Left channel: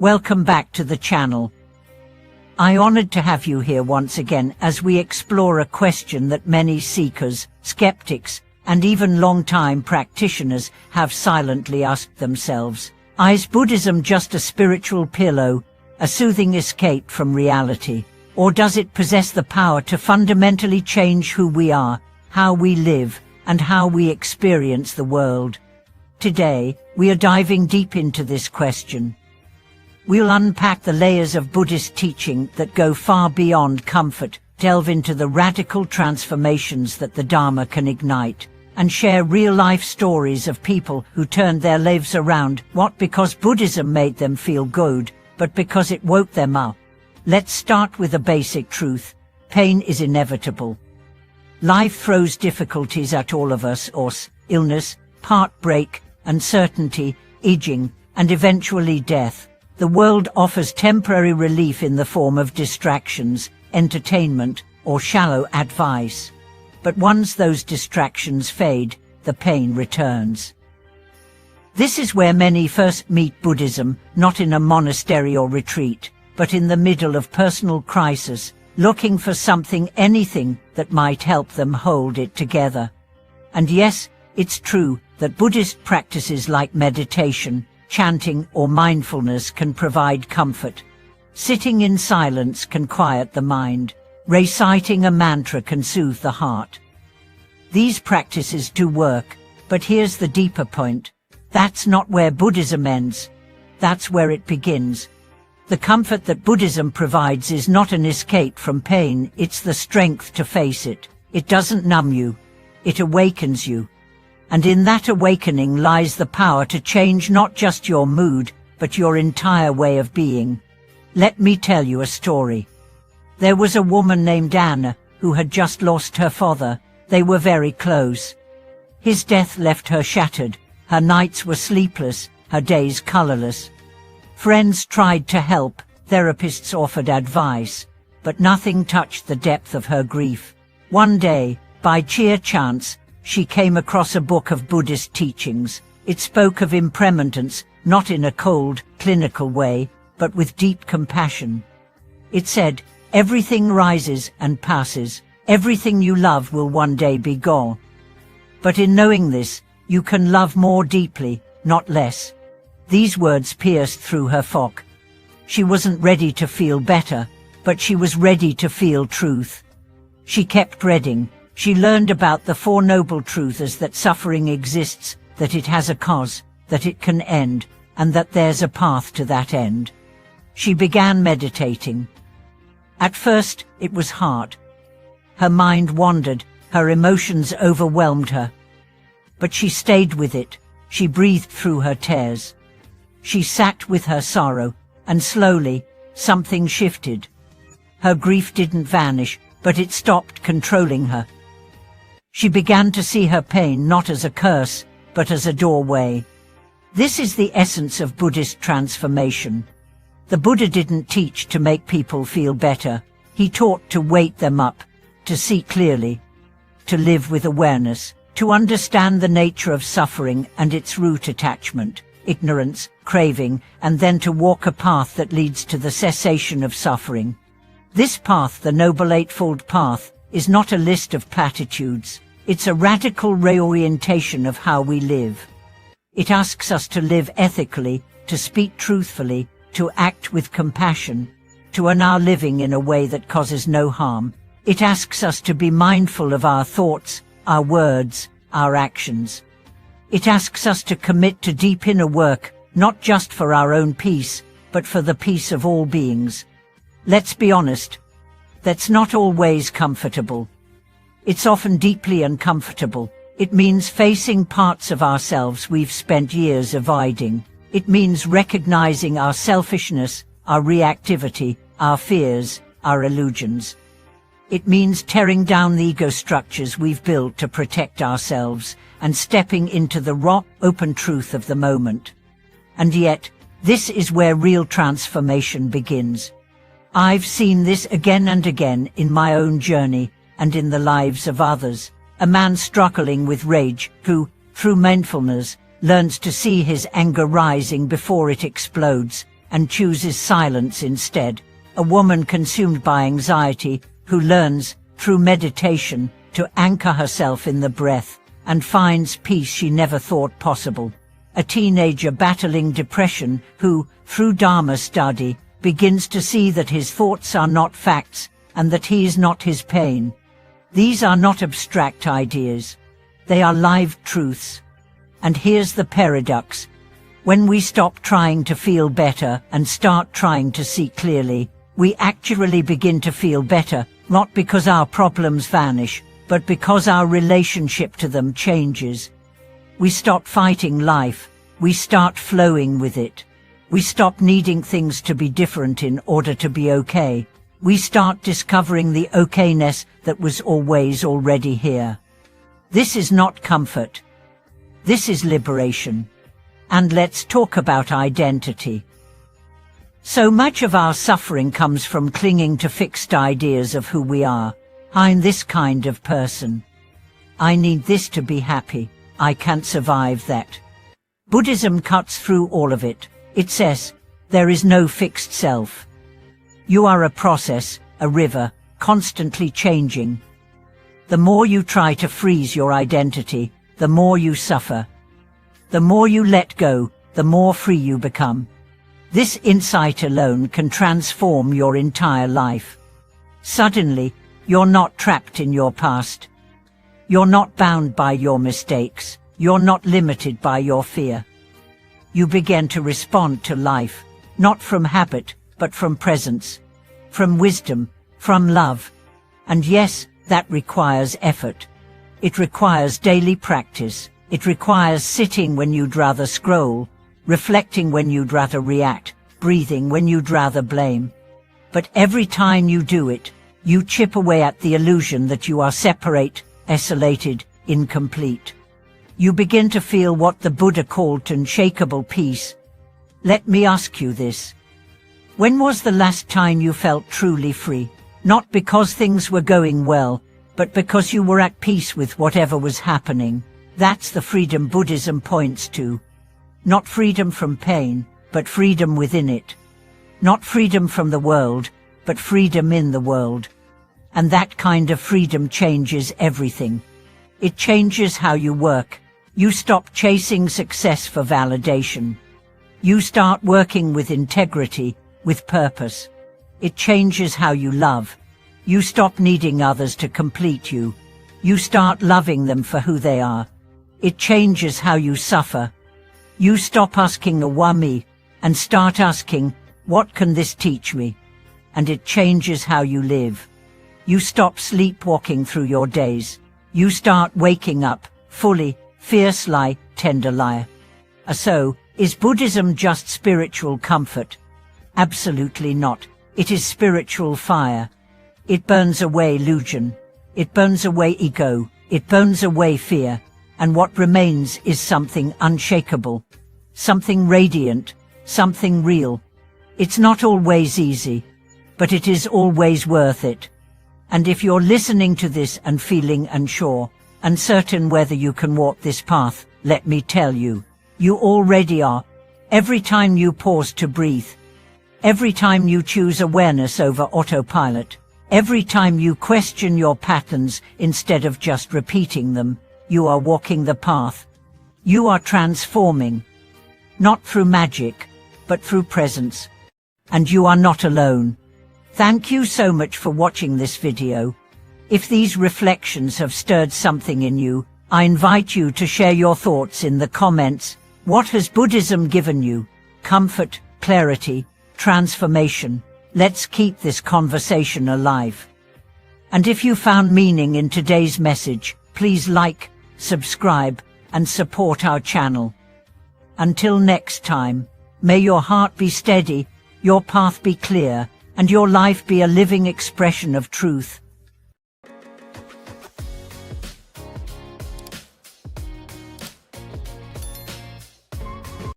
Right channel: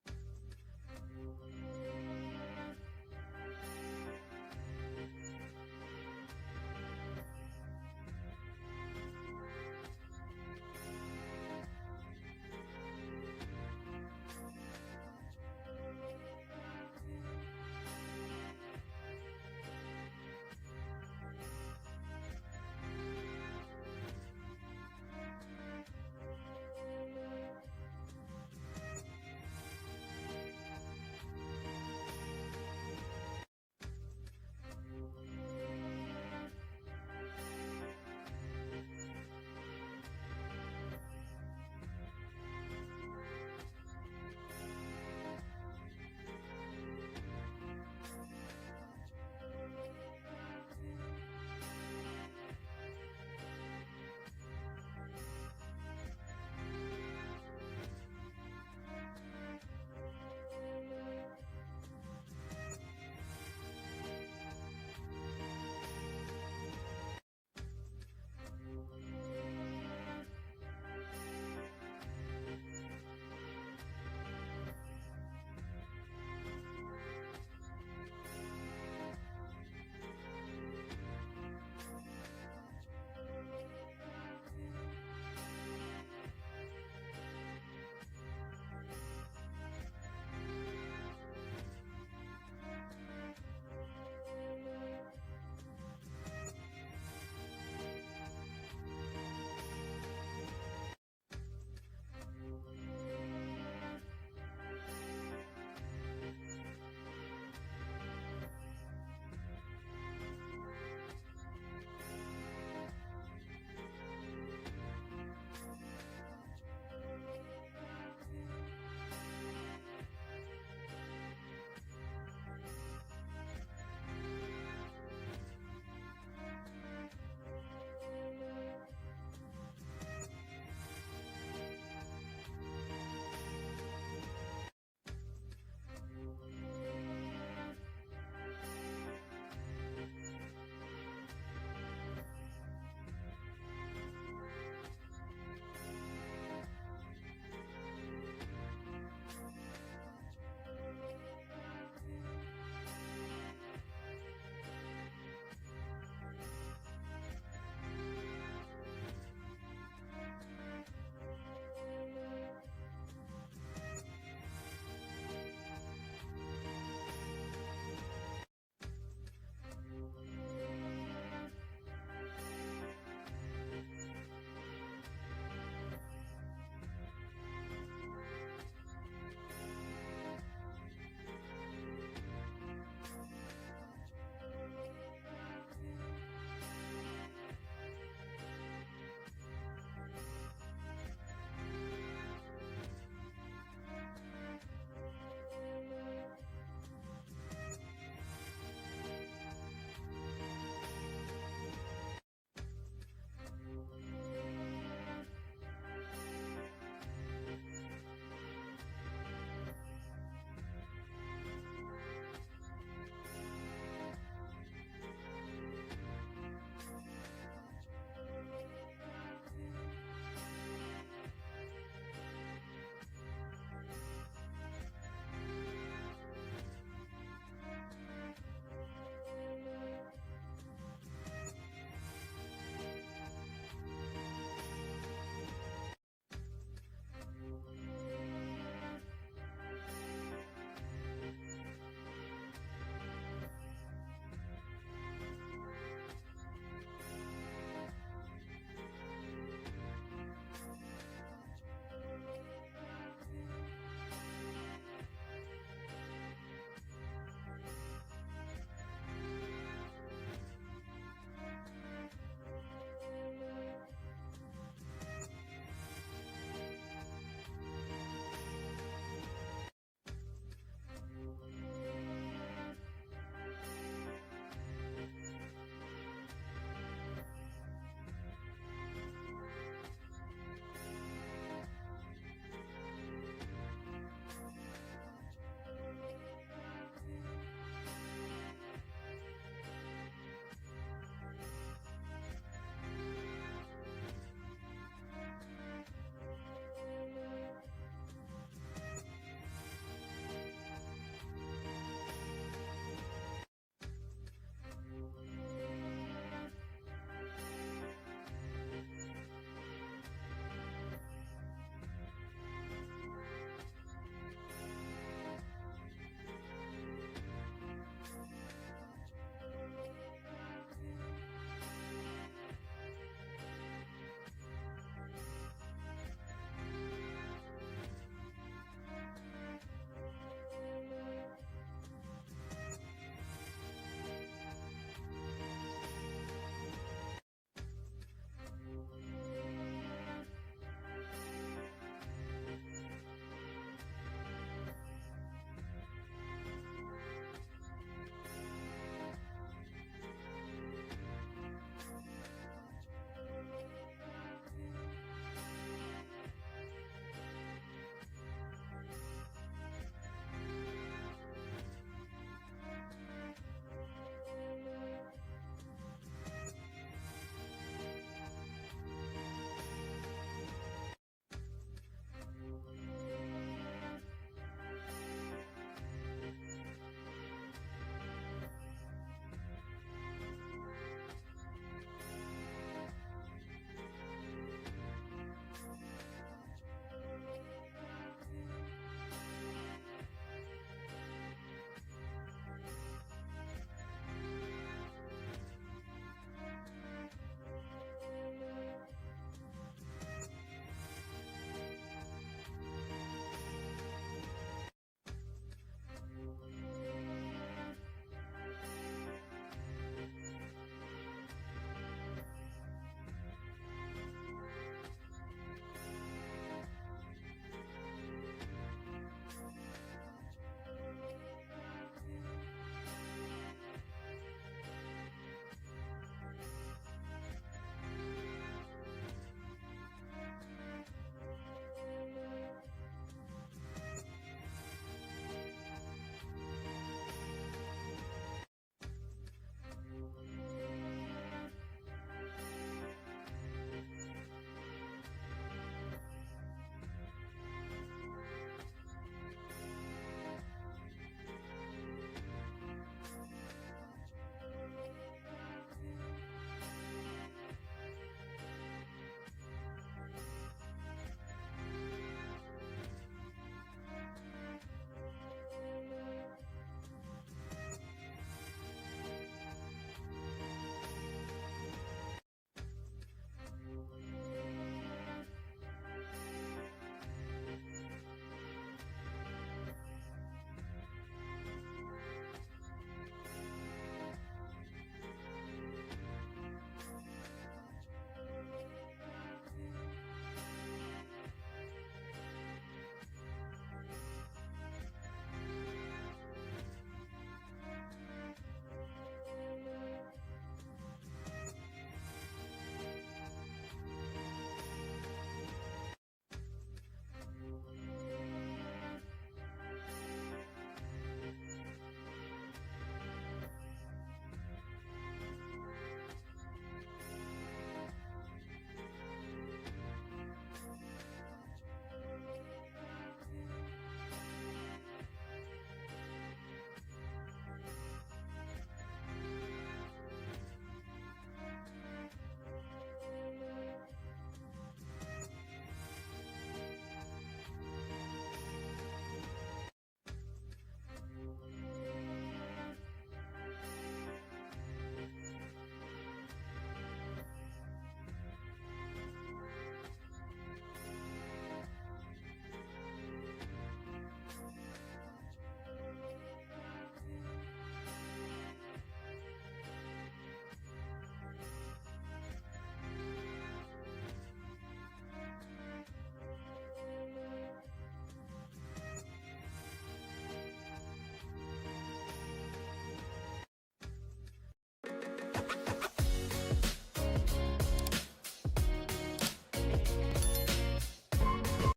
Welcome back to the channel. I'm honored to have you here once again as we explore a question that many seekers, skeptics, and even long-time practitioners have silently asked themselves. Is Buddhism just a spiritual pillow, a soothing escape from reality? Or does it possess the power to fundamentally change who we are, how we live, and how we experience the world? Today, we are diving deep into this question. We'll unpack the layers of Buddhist teaching that go far beyond comfort, delve into the radical transformations that the Dharma can ignite, and share real-life stories of people who turned their lives around, not because Buddhism made them feel good, but because it woke them up. Let's start with a basic truth. Pain is inevitable. Life throws difficulties at all of us, illness, heartbreak, uncertainty, aging, and eventually death. The world offers temporary relief in the form of distractions, entertainment, or shallow advice. But once those distractions fade, the pain returns. This is where many first meet Buddhism, not in a monastery or retreat, but in the middle of personal crisis, looking for something, anything, that might help them hold it together. And yes, it's true that Buddhist practices like meditation, chanting, or mindfulness can provide comfort. Sitting in silence can quiet the mind. Reciting a mantra can soothe the heart. These practices do work, but here's the deeper point. That's not where Buddhism ends. That's where it begins. The comfort that Buddhism provides is not an escape from pain, it's the strength to face it. It doesn't numb you. It awakens you. And in that awakening lies the power to change not just your mood, but your entire way of being. Let me tell you a story. There was a woman named Anna who had just lost her father. They were very close. His death left her shattered. Her nights were sleepless, her days colorless. Friends tried to help, therapists offered advice, but nothing touched the depth of her grief. One day, by sheer chance, she came across a book of Buddhist teachings. It spoke of impermanence, not in a cold, clinical way, but with deep compassion. It said, everything rises and passes, everything you love will one day be gone. But in knowing this, you can love more deeply, not less. These words pierced through her fog. She wasn't ready to feel better, but she was ready to feel truth. She kept reading. She learned about the Four Noble Truths: that suffering exists, that it has a cause, that it can end, and that there's a path to that end. She began meditating. At first, it was hard. Her mind wandered, her emotions overwhelmed her. But she stayed with it. She breathed through her tears. She sat with her sorrow, and slowly, something shifted. Her grief didn't vanish, but it stopped controlling her. She began to see her pain not as a curse, but as a doorway. This is the essence of Buddhist transformation. The Buddha didn't teach to make people feel better. He taught to wake them up, to see clearly, to live with awareness, to understand the nature of suffering and its root: attachment, ignorance, craving, and then to walk a path that leads to the cessation of suffering. This path, the Noble Eightfold Path, is not a list of platitudes. It's a radical reorientation of how we live. It asks us to live ethically, to speak truthfully, to act with compassion, to earn our living in a way that causes no harm. It asks us to be mindful of our thoughts, our words, our actions. It asks us to commit to deep inner work, not just for our own peace, but for the peace of all beings. Let's be honest, that's not always comfortable. It's often deeply uncomfortable. It means facing parts of ourselves we've spent years avoiding. It means recognizing our selfishness, our reactivity, our fears, our illusions. It means tearing down the ego structures we've built to protect ourselves and stepping into the raw, open truth of the moment. And yet, this is where real transformation begins. I've seen this again and again in my own journey and in the lives of others. A man struggling with rage who, through mindfulness, learns to see his anger rising before it explodes, and chooses silence instead. A woman consumed by anxiety who learns, through meditation, to anchor herself in the breath and finds peace she never thought possible. A teenager battling depression who, through Dharma study, begins to see that his thoughts are not facts and that he is not his pain. These are not abstract ideas. They are live truths. And here's the paradox. When we stop trying to feel better and start trying to see clearly, we actually begin to feel better, not because our problems vanish, but because our relationship to them changes. We stop fighting life. We start flowing with it. We stop needing things to be different in order to be okay. We start discovering the okayness that was always already here. This is not comfort. This is liberation. And let's talk about identity. So much of our suffering comes from clinging to fixed ideas of who we are. I'm this kind of person. I need this to be happy. I can't survive that. Buddhism cuts through all of it. It says, there is no fixed self. You are a process, a river, constantly changing. The more you try to freeze your identity, the more you suffer. The more you let go, the more free you become. This insight alone can transform your entire life. Suddenly, you're not trapped in your past. You're not bound by your mistakes. You're not limited by your fear. You begin to respond to life, not from habit, but from presence, from wisdom, from love. And yes, that requires effort. It requires daily practice. It requires sitting when you'd rather scroll, reflecting when you'd rather react, breathing when you'd rather blame. But every time you do it, you chip away at the illusion that you are separate, isolated, incomplete. You begin to feel what the Buddha called unshakable peace. Let me ask you this. When was the last time you felt truly free? Not because things were going well, but because you were at peace with whatever was happening. That's the freedom Buddhism points to. Not freedom from pain, but freedom within it. Not freedom from the world, but freedom in the world. And that kind of freedom changes everything. It changes how you work. You stop chasing success for validation. You start working with integrity, with purpose. It changes how you love. You stop needing others to complete you. You start loving them for who they are. It changes how you suffer. You stop asking a why me and start asking, what can this teach me? And it changes how you live. You stop sleepwalking through your days. You start waking up, fully, fierce-lie, tender-lie. So, is Buddhism just spiritual comfort? Absolutely not. It is spiritual fire. It burns away illusion. It burns away ego. It burns away fear. And what remains is something unshakable, something radiant, something real. It's not always easy, but it is always worth it. And if you're listening to this and feeling unsure, uncertain whether you can walk this path, let me tell you, you already are. Every time you pause to breathe, every time you choose awareness over autopilot, every time you question your patterns instead of just repeating them, you are walking the path. You are transforming, not through magic, but through presence. And you are not alone. Thank you so much for watching this video. If these reflections have stirred something in you, I invite you to share your thoughts in the comments. What has Buddhism given you? Comfort, clarity, transformation. Let's keep this conversation alive. And if you found meaning in today's message, please like, subscribe, and support our channel. Until next time, may your heart be steady, your path be clear, and your life be a living expression of truth.